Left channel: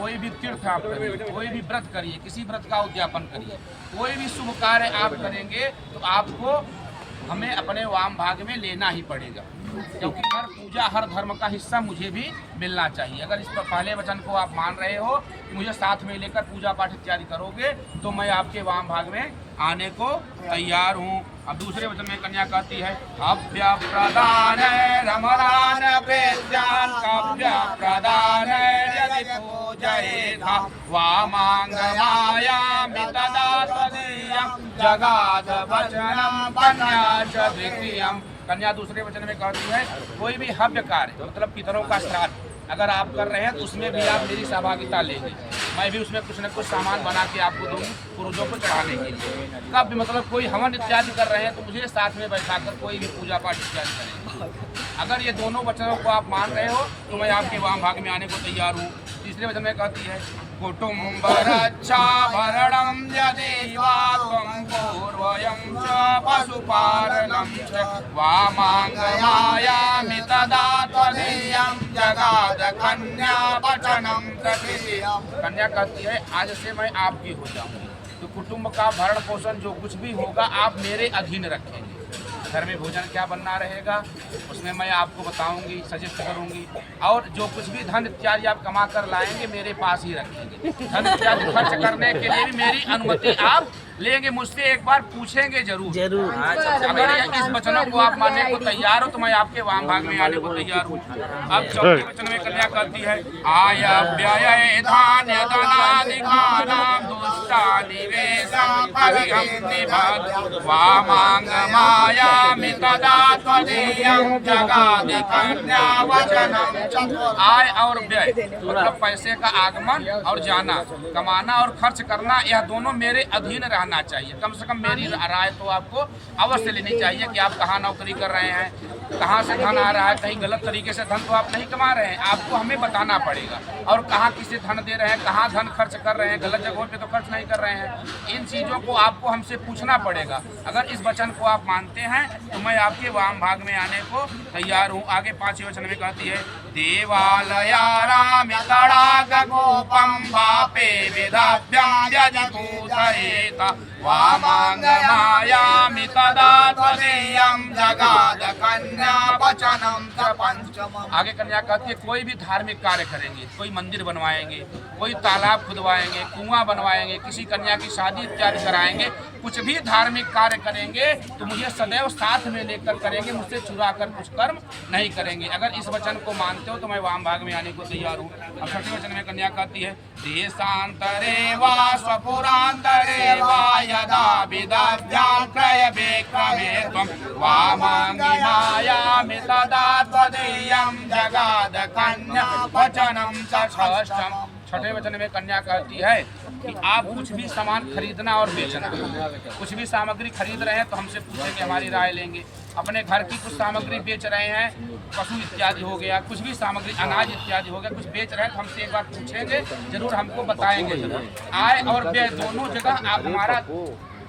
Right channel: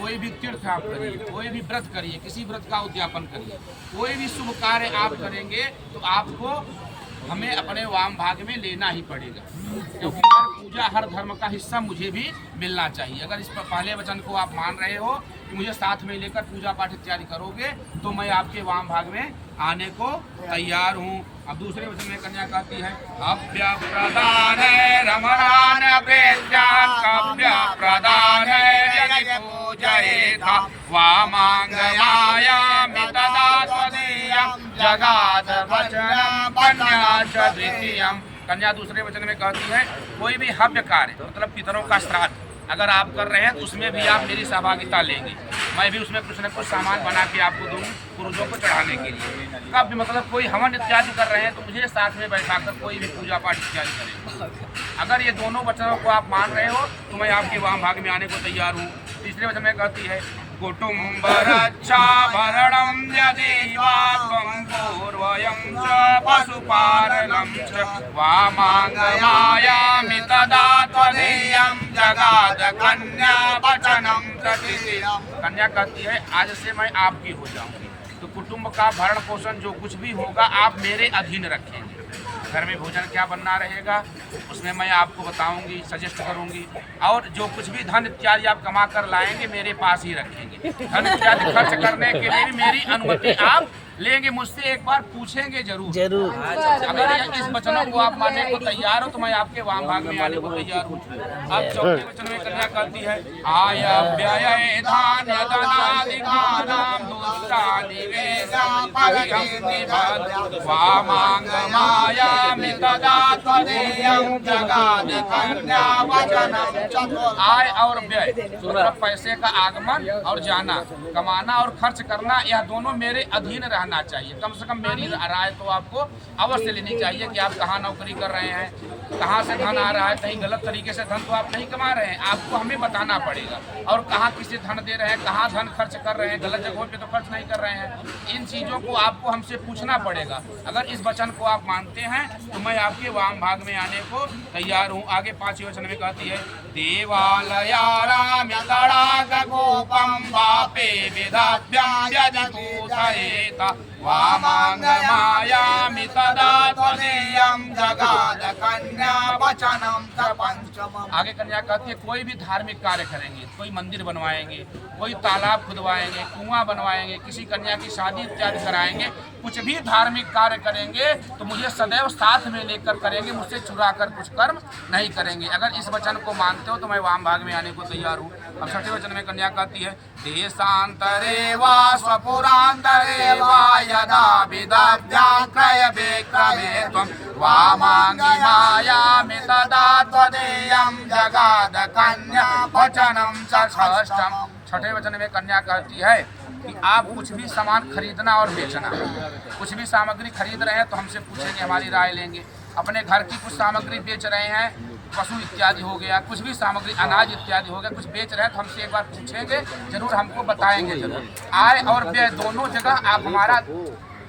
कोई भी तीर्थ आप करिए, कोई भी व्रत करिए, किसी व्रत का उद्यापन करिए, कोई भी शुभ कार्य आप करेंगे तो आपको हमें अपने वाम भाग में लेना ही पड़ेगा, क्योंकि हर पूजा हर धर्म का हिस्सा मुझे भी मिलना चाहिए। अगर इस पर पहले वचन को आप मान रहे हो कि मुझे साथ में लेकर पूजा पाठ इत्यादि करोगे तो मैं आपके वाम भाग में आने को तैयार हूँ। अब दूसरे वचन में कन्या कहती है अभ्य प्रदान रमणान प्रेत्यान कभ्य प्रदान पूजयेथा वामांग मायामि तदा तदीयं जगाद वचनं कन्या च द्वितीयं। कन्या दूसरे वचन में कहती है कोई भी हव्य कार्य मतलब पितरों का श्राद्ध अगर आप कर रहे हैं तो उसमें भी आप मेरी सहभागिता लेंगे, मैं भी उसमें कुछ न कुछ सामान बना के आपको दूंगी पुरुषों को चढ़ाने के लिए। कब भी मतलब कोई हवन इत्यादि कर रहे हैं तो मुझे साथ में बैठाकर कोई भी पूजा पाठ इत्यादि करेंगे। अगर ये दोनों वचनों को आप मान रहे हो तो मैं आपके वाम भाग में आने को तैयार हूँ। तीसरे वचन में कहती है कुटुम्ब रक्षा भरणं यदि वा त्वं पूर्वयं च पशुपालनं च वामांग मायामि तदा त्वदीयं जगाद कन्या वचनं तृतीयम्। कन्या कहती है आज से मैं आपकी हो जाऊंगी तो कुटुंब का भरण पोषण जो कुछ भी होगा आप मेरे अधीन रखेंगे। घर में भोजन क्या बनना रहेगा उसमें मैं आपको बताऊंगी, सजेस्ट करूंगी, और जो कुछ भी धन इत्यादि आप कमा कर लाएंगे मेरे पास ही रखेंगे। धन इत्यादि खर्च करने के लिए भी मेरी अनुमति आप लेंगे, मुझसे एक बार पूछेंगे जरूर। अगर इस वचनों को आप मानने को तैयार हो तो मैं आपके वाम भाग में आने को तैयार हूँ। अब चौथे वचन में कन्या कहती है आय व्यय धान्य धनादिकानां दुष्टानिवेशं परिहं निबध्य वामांग मायामि तदा त्वदीयं जगाद कन्या वचनं च। आय और व्यय मतलब पैसे का आगमन और जाना, कमाना और खर्च करना, यह दोनों मेरे अधीन रहना चाहिए। कम से कम मेरी राय तो आपको अवश्य लेनी चाहिए कि आप कहाँ नौकरी कर रहे हैं, कहाँ से धन आ रहा है, कहीं गलत तरीके से धन तो आप नहीं कमा रहे हैं, आपको हमें बताना पड़ेगा। और कहाँ किसे धन दे रहे हैं, कहाँ धन खर्च कर रहे हैं, गलत जगहों पे तो खर्च नहीं कर रहे हैं। इन चीज़ों को आपको हमसे पूछना पड़ेगा। अगर इस वचन को आप मानते हैं तो मैं आपके वाम भाग में आने को तैयार हूँ। आगे पांचवें वचन में कहती है देवालयानामि तडागकूपं वापे विधाभ्यं यजतूतयेत वामांग मायामि तदा त्वदीयं जगाद कन्या वचनं च पंचमम्। आगे कन्या कहती है कोई भी धार्मिक कार्य करेंगे, कोई मंदिर बनवाएंगे, कोई तालाब खुदवाएंगे, कुआं बनवाएंगे, किसी कन्या की शादी इत्यादि कराएंगे, कुछ भी धार्मिक कार्य करेंगे तो मुझे सदैव साथ में लेकर करेंगे, मुझसे चुरा कर कुछ कर्म नहीं करेंगे। अगर इस वचन को मानते हो तो मैं वाम भाग में आने को तैयार हूँ। अब छठे वचन में कन्या कहती है देशांतरे वा स्वपुरांतरे वा यदा विदभ्यां क्रय विक्रमे त्वं वामांगी मायामि तदा त्वदीयं जगाद कन्या वचनं च षष्ठम्। छठे वचन में कन्या कहती है कि आप कुछ भी सामान खरीदना और बेचना, कुछ भी सामग्री खरीद रहे हैं तो हमसे पूछेंगे, हमारी राय लेंगे। अपने घर की कुछ सामग्री बेच रहे हैं, पशु इत्यादि हो गया, कुछ भी सामग्री अनाज इत्यादि हो गया, कुछ बेच रहे हैं तो हमसे एक बार पूछेंगे जरूर, हमको बताएंगे जरूर। आय और व्यय दोनों जगह आप हमारा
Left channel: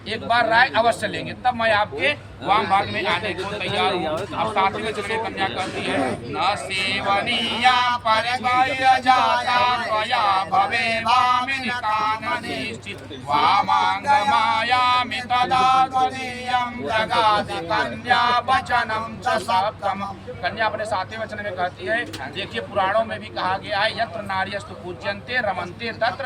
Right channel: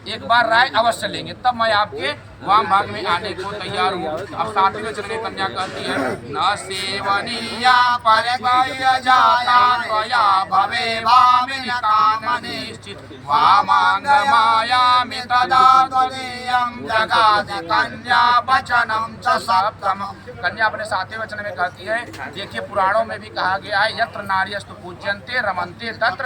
एक बार राय अवश्य लेंगे, तब मैं आपके वाम भाग में आने को तैयार हूँ। अब सातवें वचन में कन्या कहती है न सेवनीया परिग्रह्य जाता त्वया भवे वामिनिकान निश्चित वामांग मायामि तदा त्वदीयं जगाद कन्या वचनं च सप्तमम्। कन्या अपने सातवें वचन में कहती है देखिए पुराणों में भी कहा गया है यत्र नार्यस्तु पूज्यन्ते रमन्ते तत्र